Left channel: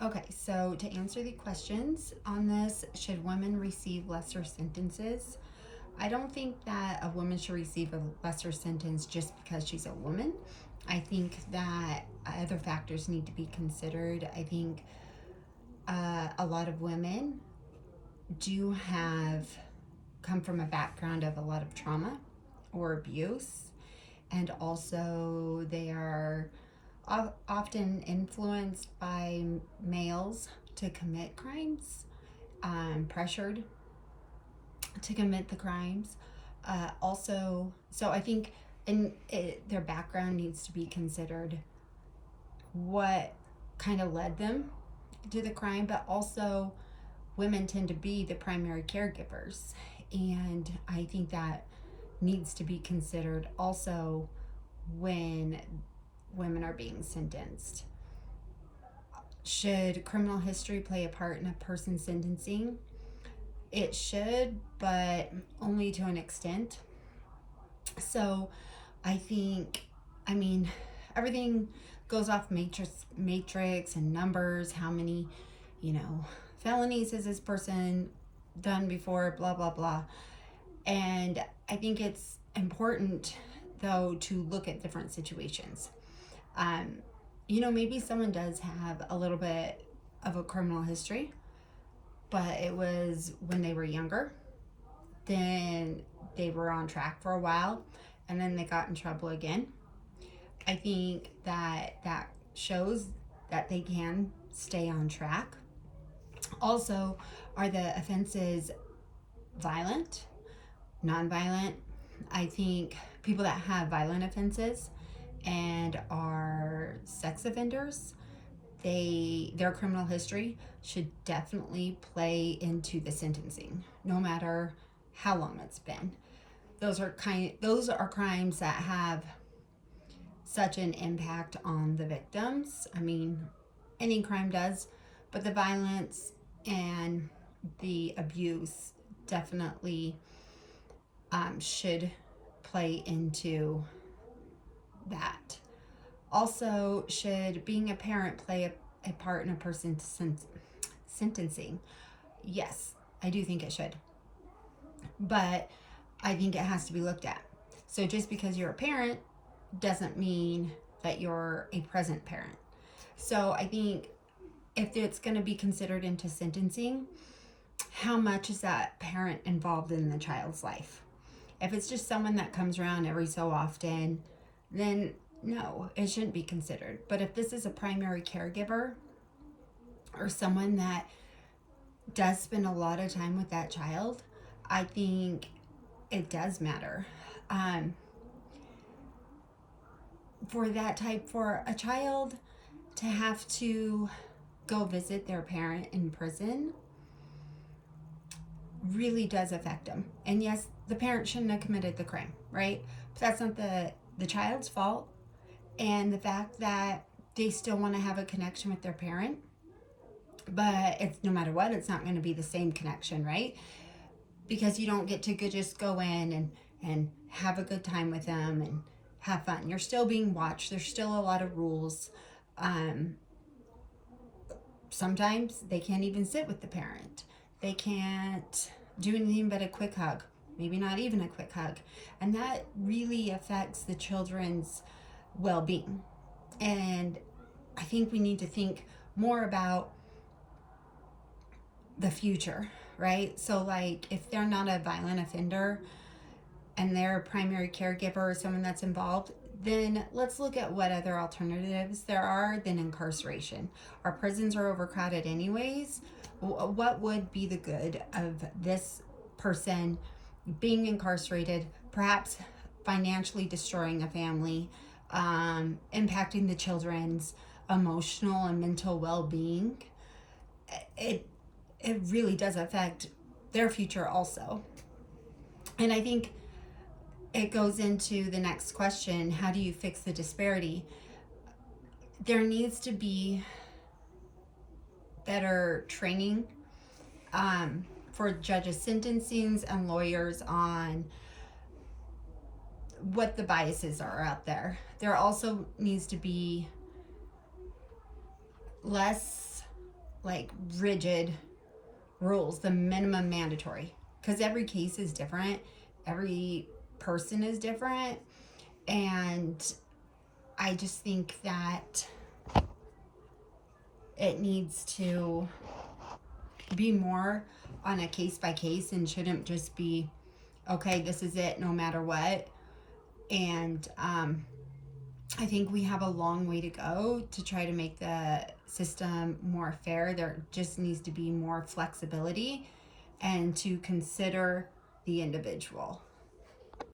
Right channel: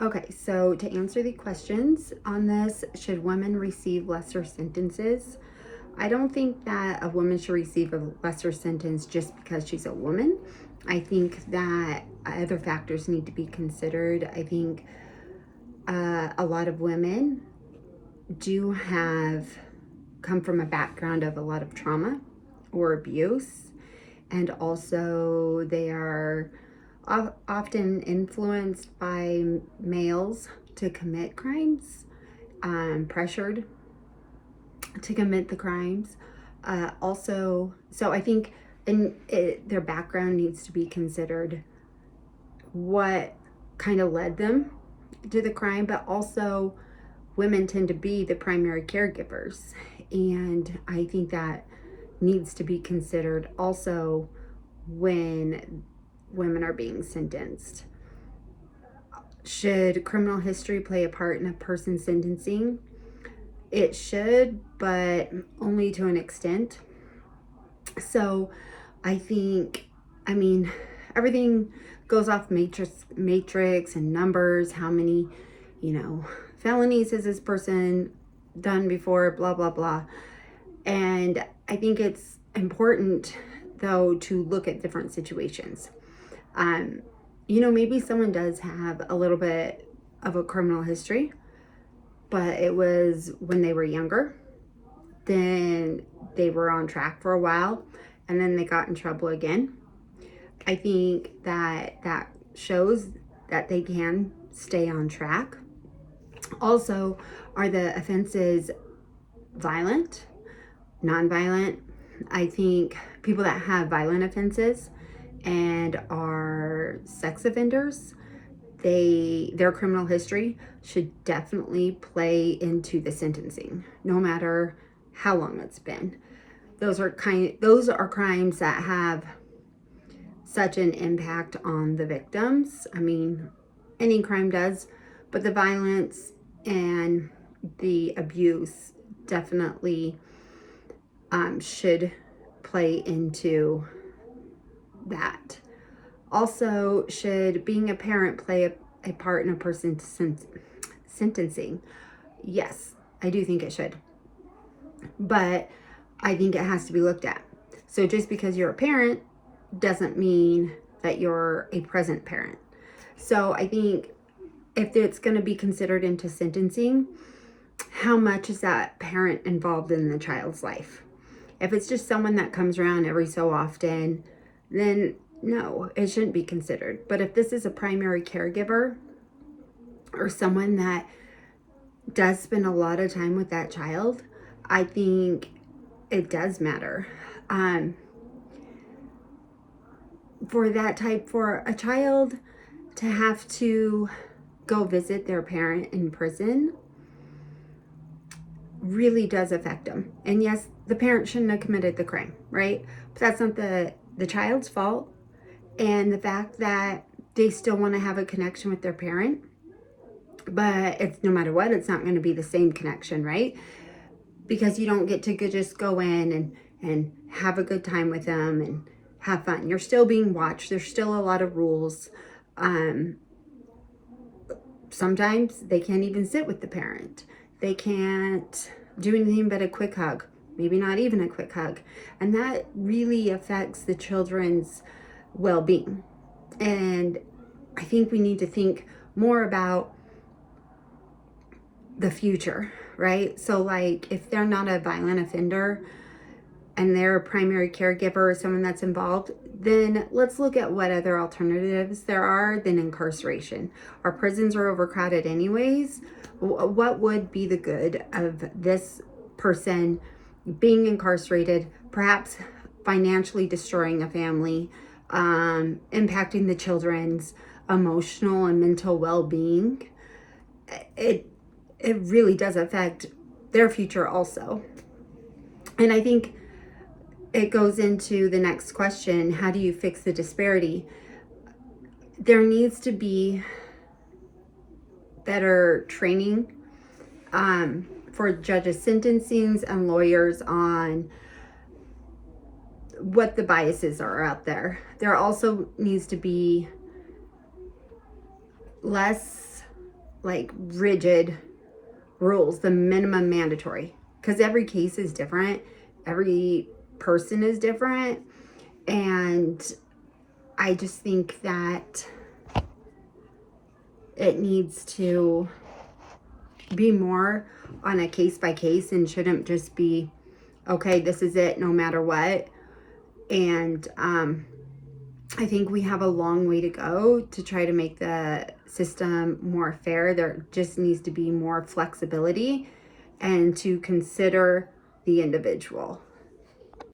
Okay, so to answer the questions on this, should women receive lesser sentences? I don't think that a woman should receive a lesser sentence just because she's a woman. I think that other factors need to be considered. I think a lot of women do have come from a background of a lot of trauma or abuse, and also they are often influenced by males to commit crimes, pressured to commit the crimes. So I think their background needs to be considered, what kind of led them to the crime, but also women tend to be the primary caregivers. And I think that needs to be considered also when women are being sentenced. Should criminal history play a part in a person's sentencing? It should, but only to an extent. So I think, I mean, everything goes off matrix and numbers. How many, felonies has this person done before, blah, blah, blah. And I think it's important, though, to look at different situations. Maybe someone does have a little bit of a criminal history, but it was when they were younger. Then they were on track for a while, and then they got in trouble again. I think that shows that they can stay on track. Also, are the offenses violent, non-violent? I think people that have violent offenses and are sex offenders, their criminal history should definitely play into the sentencing, no matter how long it's been. Those are crimes that have such an impact on the victims. I mean, any crime does, but the violence and the abuse definitely should play into that. Also, should being a parent play a part in a person's sentencing? Yes, I do think it should. But I think it has to be looked at. So just because you're a parent doesn't mean that you're a present parent. So I think if it's going to be considered into sentencing, how much is that parent involved in the child's life? If it's just someone that comes around every so often, then no, it shouldn't be considered. But if this is a primary caregiver or someone that does spend a lot of time with that child, I think it does matter. For a child to have to go visit their parent in prison really does affect them. And yes, the parent shouldn't have committed the crime, right? But that's not the child's fault. And the fact that they still want to have a connection with their parent, but it's no matter what, it's not going to be the same connection, right? Because you don't get to just go in and have a good time with them and have fun. You're still being watched. There's still a lot of rules. Sometimes they can't even sit with the parent. They can't do anything but a quick hug, maybe not even a quick hug. And that really affects the children's well-being. And I think we need to think more about the future, right? So like if they're not a violent offender and they're a primary caregiver or someone that's involved, then let's look at what other alternatives there are than incarceration. Our prisons are overcrowded anyways. What would be the good of this person being incarcerated, perhaps financially destroying a family, impacting the children's emotional and mental well-being? It really does affect their future also. And I think it goes into the next question: how do you fix the disparity? There needs to be better training for judges' sentencings and lawyers on what the biases are out there. There also needs to be less like rigid rules, the minimum mandatory, because every case is different, every person is different, and I just think that it needs to be more on a case by case and shouldn't just be, okay, this is it no matter what. And I think we have a long way to go to try to make the system more fair. There just needs to be more flexibility and to consider the individual.